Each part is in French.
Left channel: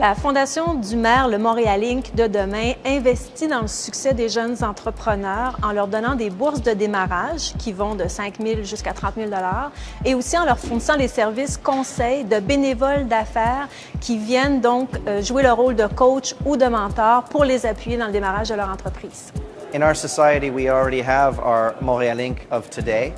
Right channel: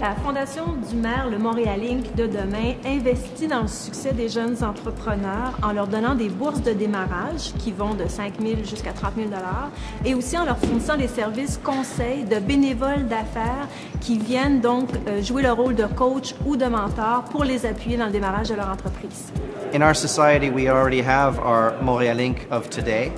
La Fondation du maire, le Montréal Inc. de demain, investit dans le succès des jeunes entrepreneurs en leur donnant des bourses de démarrage qui vont de 5 000 jusqu'à 30 000 et aussi en leur fournissant des services conseils de bénévoles d'affaires qui viennent donc jouer le rôle de coach ou de mentor pour les appuyer dans le démarrage de leur entreprise. In our society, we already have our Montréal Inc. of today.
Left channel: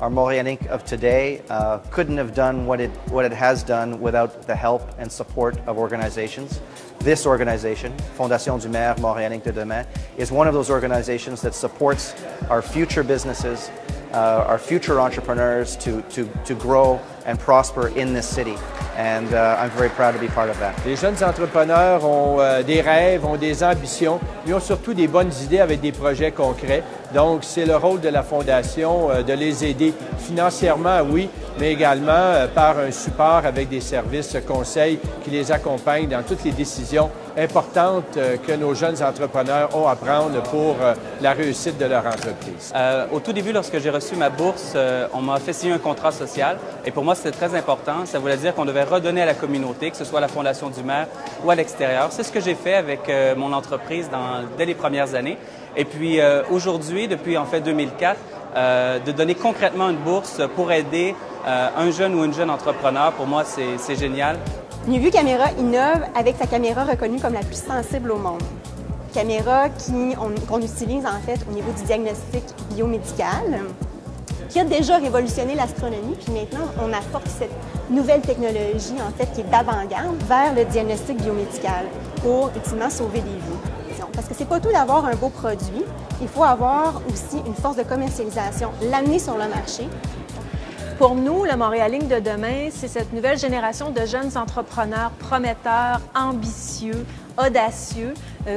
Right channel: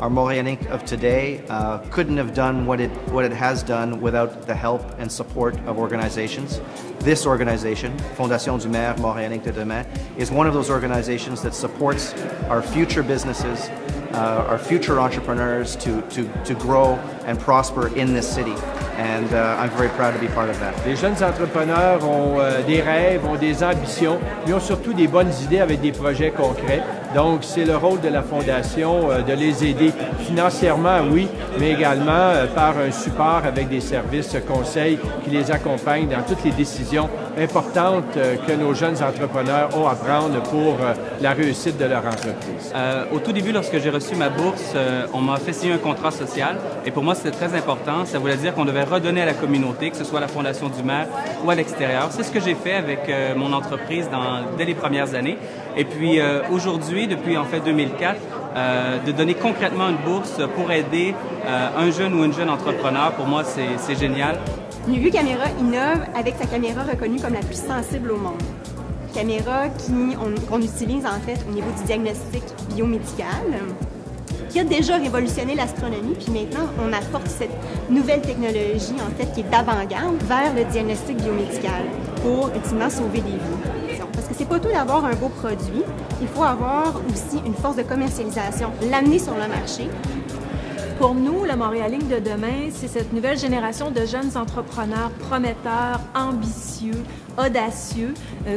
Our Montréal Inc. of today couldn't have done what it has done without the help and support of organizations. This organization, Fondation du Maire Montréal Inc. de demain, is one of those organizations that supports our future businesses, our future entrepreneurs to grow and prosper in this city. And I'm very proud to be part of that. Les jeunes entrepreneurs ont des rêves, ont des ambitions, ils ont surtout des bonnes idées avec des projets concrets. Donc, c'est le rôle de la Fondation de les aider financièrement, oui, mais également par un support avec des services conseils qui les accompagnent dans toutes les décisions importantes que nos jeunes entrepreneurs ont à prendre pour la réussite de leur entreprise. Au tout début, lorsque j'ai reçu ma bourse, on m'a fait signer un contrat social et pour moi, c'était très important. Ça voulait dire qu'on devait redonner à la communauté, que ce soit à la Fondation du maire ou à l'extérieur. C'est ce que j'ai fait avec mon entreprise dès les premières années. Et puis aujourd'hui, depuis en fait 2004, de donner concrètement une bourse pour aider un jeune ou une jeune entrepreneur, pour moi, c'est génial. NuVu Caméra innove avec sa caméra reconnue comme la plus sensible au monde. Caméra qu'on utilise en fait au niveau du diagnostic biomédical, qui a déjà révolutionné l'astronomie, puis maintenant on apporte cette nouvelle technologie en fait qui est d'avant-garde vers le diagnostic biomédical pour ultimement sauver des vies. Parce que c'est pas tout d'avoir un beau produit, il faut avoir aussi une force de commercialisation, l'amener sur le marché. Pour nous, le Montréal Inc. de demain, c'est cette nouvelle génération de jeunes entrepreneurs prometteurs, ambitieux, audacieux,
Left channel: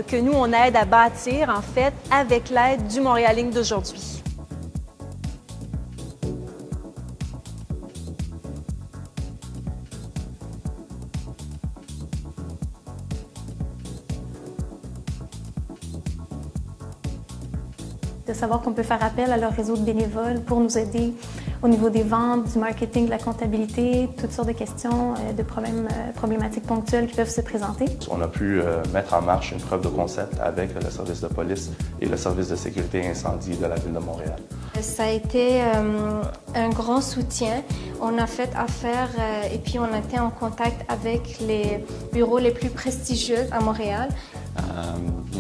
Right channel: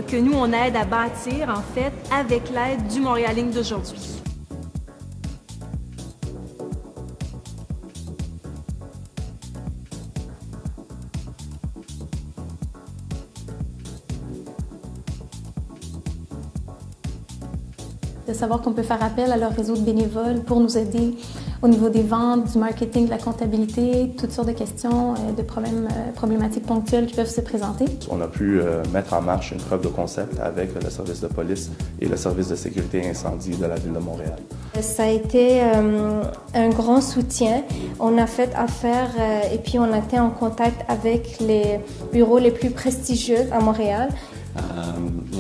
que nous, on aide à bâtir, en fait, avec l'aide du Montréal Inc. d'aujourd'hui. De savoir qu'on peut faire appel à leur réseau de bénévoles pour nous aider au niveau des ventes, du marketing, de la comptabilité, toutes sortes de questions, de problématiques ponctuelles qui peuvent se présenter. On a pu mettre en marche une preuve de concept avec le service de police et le service de sécurité incendie de la Ville de Montréal. Ça a été un grand soutien. On a fait affaire et puis on a été en contact avec les bureaux les plus prestigieux à Montréal.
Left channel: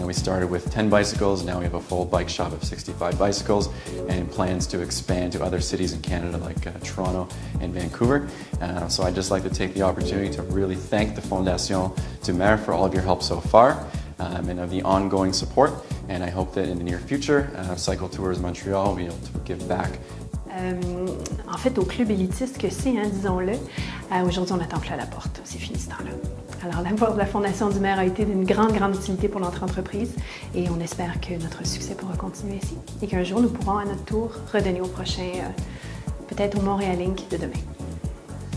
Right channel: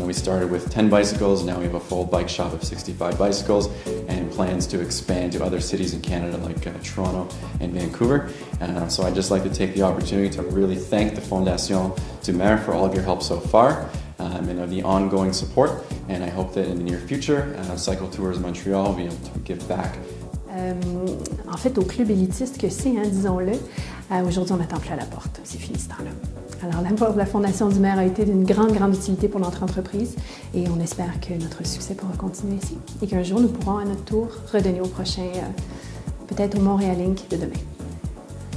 We started with 10 bicycles, now we have a full bike shop of 65 bicycles and plans to expand to other cities in Canada like Toronto and Vancouver. So I'd just like to take the opportunity to really thank the Fondation du Maire for all of your help so far and the ongoing support. And I hope that in the near future, Cycle Tours Montreal will be able to give back. En fait, au club élitiste que c'est, hein, disons-le, aujourd'hui on attend plus à la porte, c'est fini ce temps-là. Alors l'apport de la Fondation du maire a été d'une grande utilité pour notre entreprise et on espère que notre succès pourra continuer ici et qu'un jour nous pourrons à notre tour redonner au prochain, peut-être au Montréal Inc. de demain.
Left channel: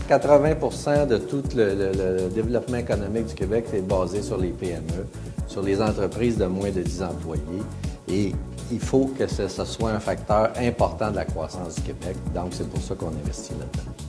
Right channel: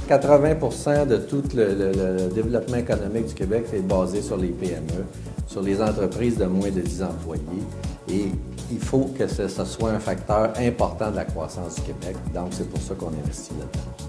80% de tout le développement économique du Québec est basé sur les PME, sur les entreprises de moins de 10 employés et il faut que ce soit un facteur important de la croissance du Québec. Donc c'est pour ça qu'on investit là-dedans.